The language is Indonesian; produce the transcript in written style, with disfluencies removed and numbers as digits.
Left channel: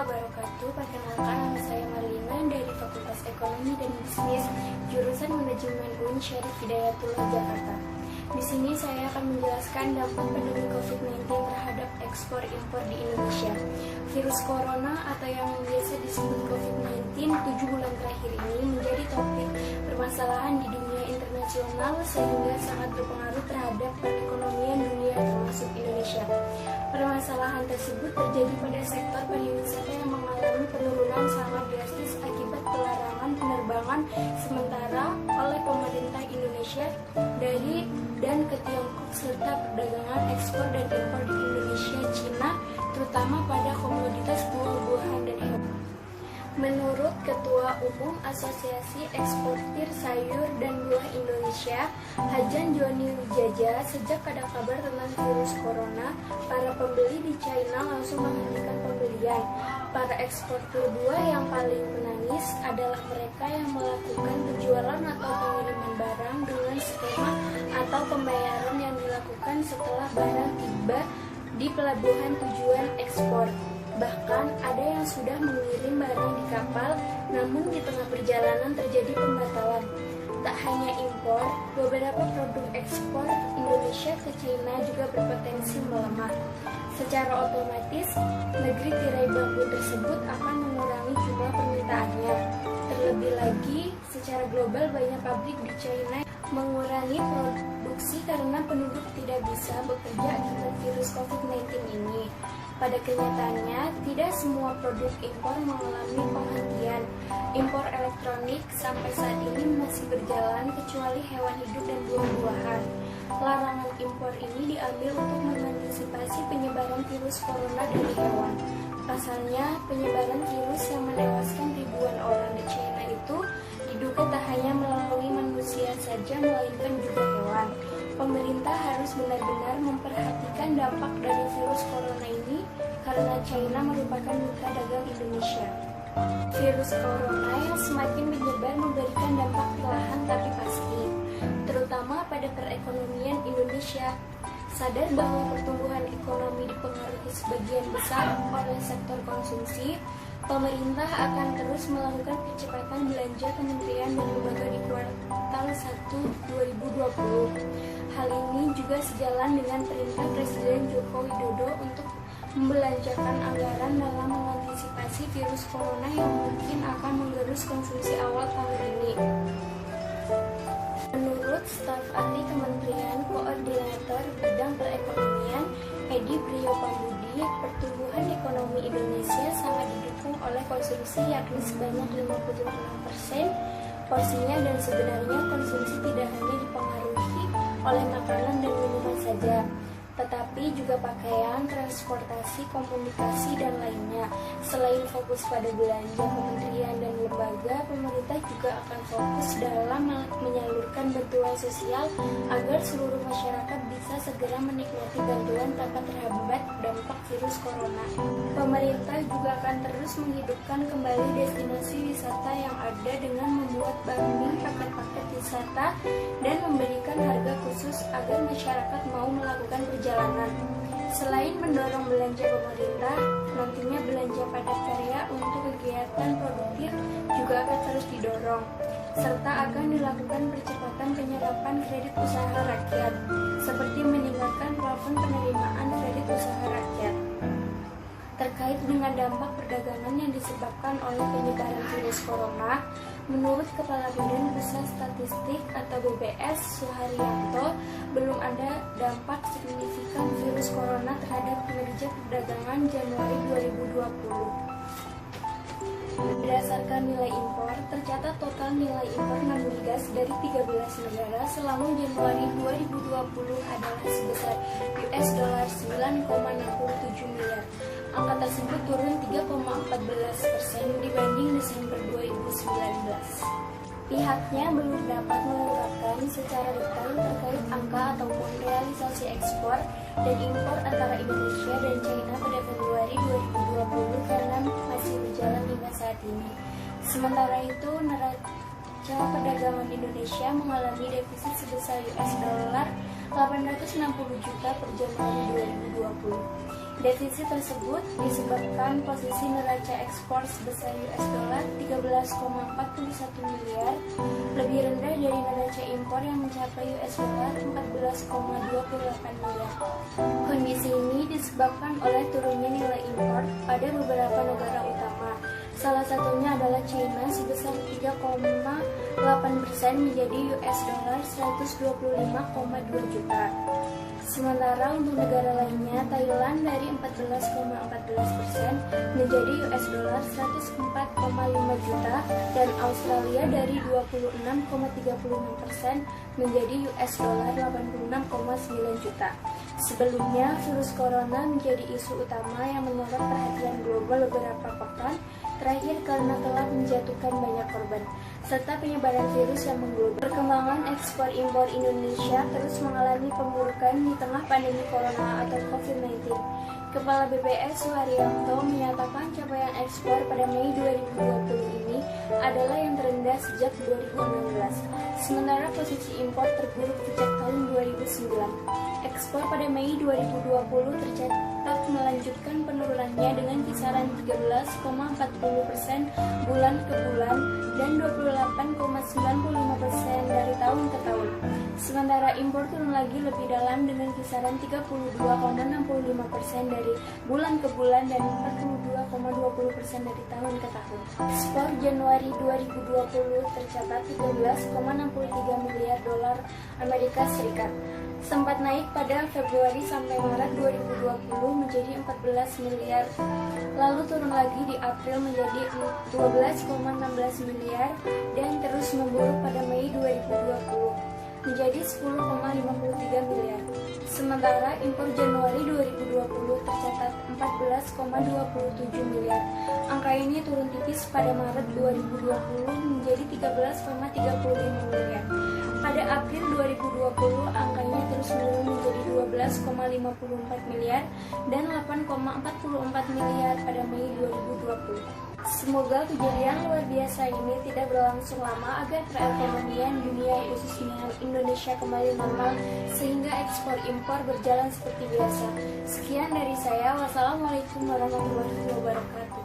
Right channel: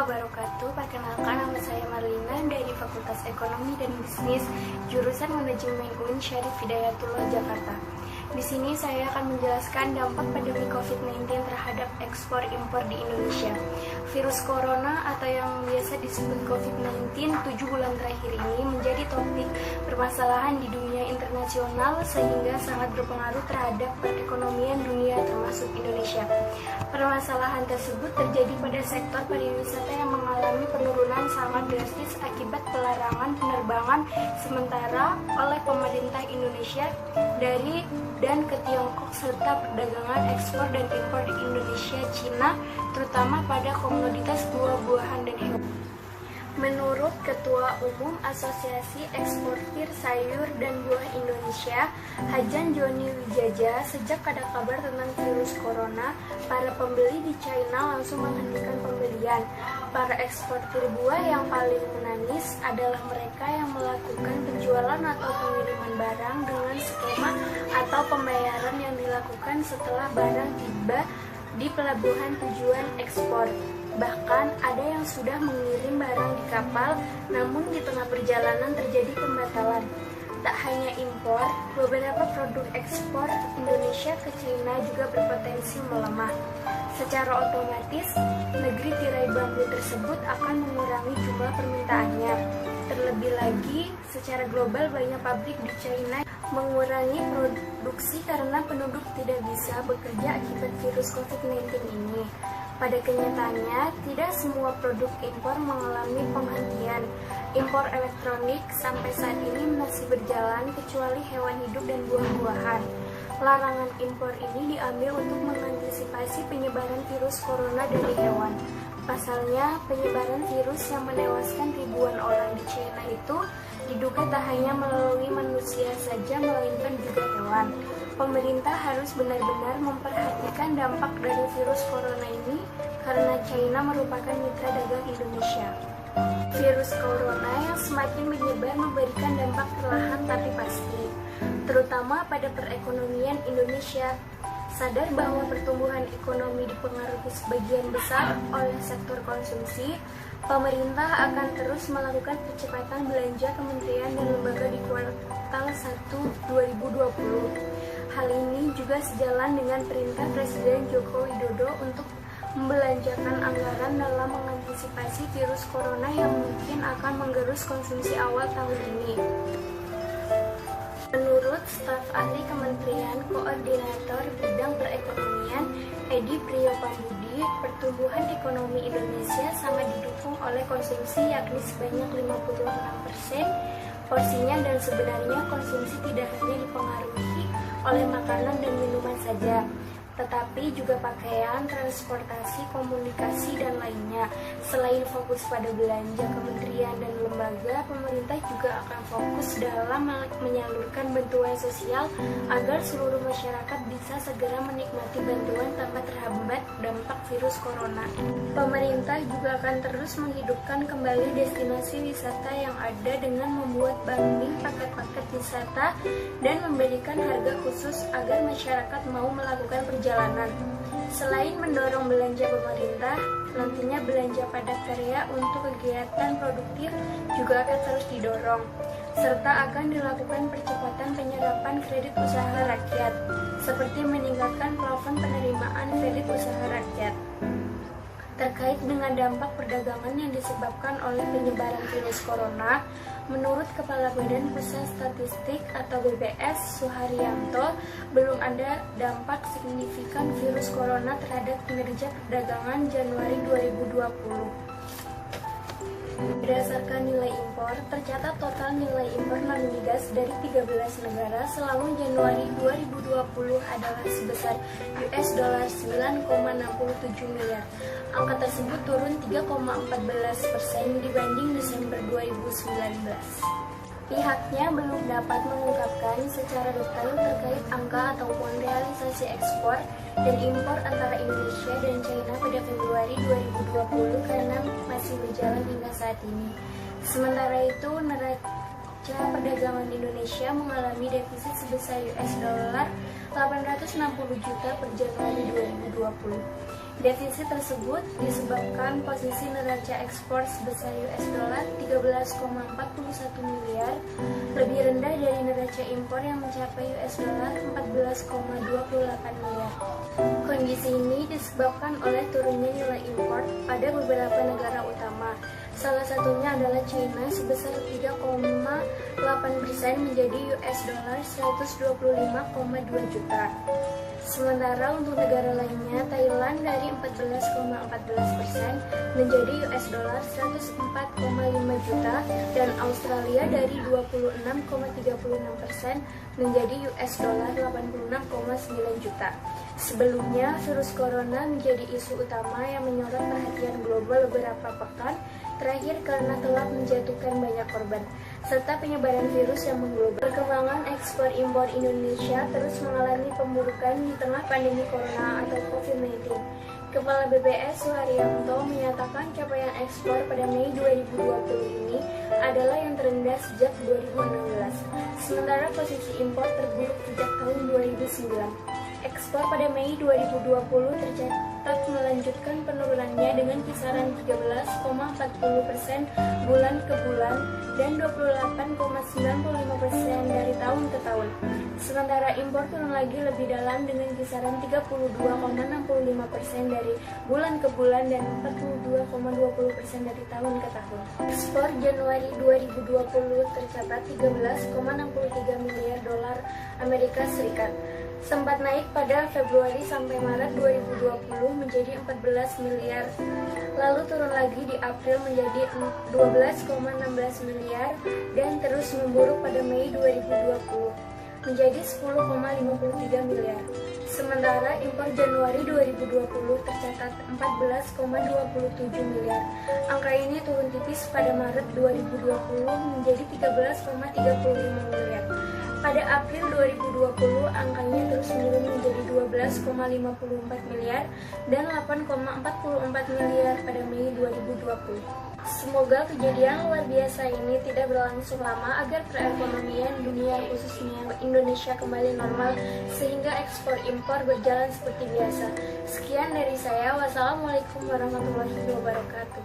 wabarakatuh. Perkenalkan, nama saya Marlina dari Fakultas Ekonomi dan Bisnis, jurusan Manajemen UIN Syarif Hidayatullah Jakarta. Di sini saya akan menjelaskan dampak pandemi COVID-19 terhadap ekspor impor di Indonesia. Virus corona atau yang biasa disebut COVID-19 7 bulan terakhir ini menjadi topik permasalahan di dunia internasional sehingga sangat berpengaruh terhadap perekonomian dunia termasuk Indonesia. Permasalahan tersebut terjadi pada sektor pariwisata yang mengalami penurunan sangat drastis akibat pelarangan penerbangan sementara oleh pemerintah Indonesia dari dan ke Tiongkok serta perdagangan ekspor dan impor di Indonesia, Cina, terutama pada komoditas buah-buahan dan hewan. Menurut Ketua Umum Asosiasi Eksportir Sayur dan Buah Indonesia, Hajan Joni Wijaja, sejak ada kabar tentang virus corona, para pembeli di China langsung menghentikan pembelian. Para eksportir buah yang paling menangis adalah mereka yang melakukan penjualan atau pengiriman barang dengan skema atau pembayaran yang dilakukan setelah barang tiba di pelabuhan tujuan ekspor. Bahkan ada yang sudah mengirim barang di kapal, namun di tengah perjalanan terjadi pembatalan. Tak hanya impor, beberapa produk ekspor Indonesia ke China juga berpotensi melemah. Secara otomatis, negeri tirai bambu tersebut akan mengurangi jumlah permintaannya. Terlebih lagi, secara global banyak pabrik di China mengurangi produksi karena penduduk tidak bisa bekerja akibat virus COVID-19 ini. Pada kenyataannya, tidak semua produk impor mengalami penghentian. Impor elektronik sampai saat ini masih berjalan kecuali hewan hidup dan buah-buahan. Larangan impor ini diambil untuk mengantisipasi penyebaran virus corona dari hewan. Pasalnya, penyebaran virus yang menewaskan ribuan orang di China itu diduga tak hanya melalui manusia saja, melainkan juga hewan. Pemerintah harus benar-benar memperhatikan dampak dari virus corona ini karena China merupakan mitra dagang Indonesia. Virus corona yang semakin menyebar memberikan dampak perlahan tapi pasti, terutama pada perekonomian Indonesia. Sadar bahwa pertumbuhan ekonomi dipengaruhi sebagian besar oleh sektor konsumsi, pemerintah akan terus melakukan percepatan belanja kementerian dan lembaga di kuartal 1 2020. Hal ini juga sejalan dengan perintah Presiden Joko Widodo untuk membelanjakan anggaran dalam mengantisipasi virus corona yang mungkin akan menggerus konsumsi awal tahun ini. Menurut staf ahli Kementerian Koordinator Bidang Perekonomian, Edi Priyopambudi, pertumbuhan ekonomi Indonesia sangat didukung oleh konsumsi yakni sebanyak 56% porsinya, dan sebenarnya konsumsi tidak hanya dipengaruhi oleh makanan dan minuman saja, tetapi juga pakaian, transportasi, komunikasi, dan lainnya. Selain fokus pada belanja kementerian dan lembaga, pemerintah juga akan fokus dalam menyalurkan bantuan sosial agar seluruh masyarakat bisa segera menikmati bantuan tanpa terhambat dampak virus corona. Pemerintah juga akan terus menghidupkan kembali destinasi wisata yang ada dengan membuat bundling paket-paket wisata dan memberikan harga khusus agar masyarakat mau melakukan perjalanan. Selain mendorong belanja pemerintah, nantinya belanja padat karya untuk kegiatan produktif juga akan terus didorong, serta akan dilakukan percepatan penyerapan kredit usaha rakyat, seperti meningkatkan plafon penerimaan kredit usaha rakyat. Terkait dengan dampak perdagangan yang disebabkan oleh penyebaran virus corona, menurut Kepala Badan Pusat Statistik atau BPS Suharyanto, belum ada dampak signifikan virus corona terhadap kinerja perdagangan Januari 2020. Berdasarkan nilai impor, tercatat total nilai impor non-migas dari 13 negara selama Januari 2020 adalah sebesar US$9,67 miliar. Angka tersebut turun 3,14% dibanding Desember 2019. Pihaknya belum dapat mengungkapkan secara detail terkait angka ataupun realisasi ekspor dan impor antara Indonesia dan China pada Februari 2020 karena masih berjalan hingga saat ini. Sementara itu, neraca perdagangan Indonesia mengalami defisit sebesar US$860 juta per Januari 2020. Defisit tersebut disebabkan posisi neraca ekspor sebesar US dollar 13,41 miliar lebih rendah dari neraca impor yang mencapai US dollar 14,28 miliar. Kondisi ini disebabkan oleh turunnya nilai impor pada beberapa negara utama. Salah satunya adalah China sebesar 3,8% menjadi US dollar 125,2 juta. Sementara untuk negara lainnya, Thailand dari 14,14% menjadi US dollar 104,5 juta dan Australia dari 26,36% menjadi US dollar 86,9 juta. Sebelumnya, virus corona menjadi isu utama yang menyorot perhatian global beberapa pekan terakhir karena telah menjatuhkan banyak korban, serta penyebaran virus yang mengglobal. Perkembangan ekspor-impor Indonesia terus mengalami pemburukan di tengah pandemi corona atau COVID-19. Kepala BPS Suharyanto menyatakan capaian ekspor pada Mei 2020 ini adalah yang terendah sejak 2016, sementara posisi impor terburuk sejak tahun 2009. Ekspor pada Mei 2020 tercatat melanjutkan penurunannya dengan kisaran 13,40% bulan ke bulan dan 28,95% dari tahun ke tahun. Sementara impor turun lagi lebih dalam dengan kisaran 32,65% dari bulan ke bulan dan 42,20% dari tahun ke tahun. Ekspor Januari 2020 tercatat 13,63 miliar dolar Amerika Serikat. Sempat naik pada Februari sampai Maret 2020 menjadi 14 miliar, lalu turun lagi di April menjadi 12,16 miliar dan terus memburuk pada Mei 2020 menjadi 10,53 miliar. Sementara impor Januari 2020 tercatat 14,27 miliar. Angka ini turun tipis pada Maret 2020 menjadi 13,35 miliar. Pada April 2020, angkanya terus menurun menjadi 12,54 miliar dan 8,44 miliar pada Mei 2020. Semoga kejadian luar biasa ini tidak berlangsung lama agar perekonomian dunia khususnya Indonesia kembali normal sehingga ekspor impor berjalan seperti biasa. Sekian dari saya. Wassalamualaikum warahmatullahi wabarakatuh.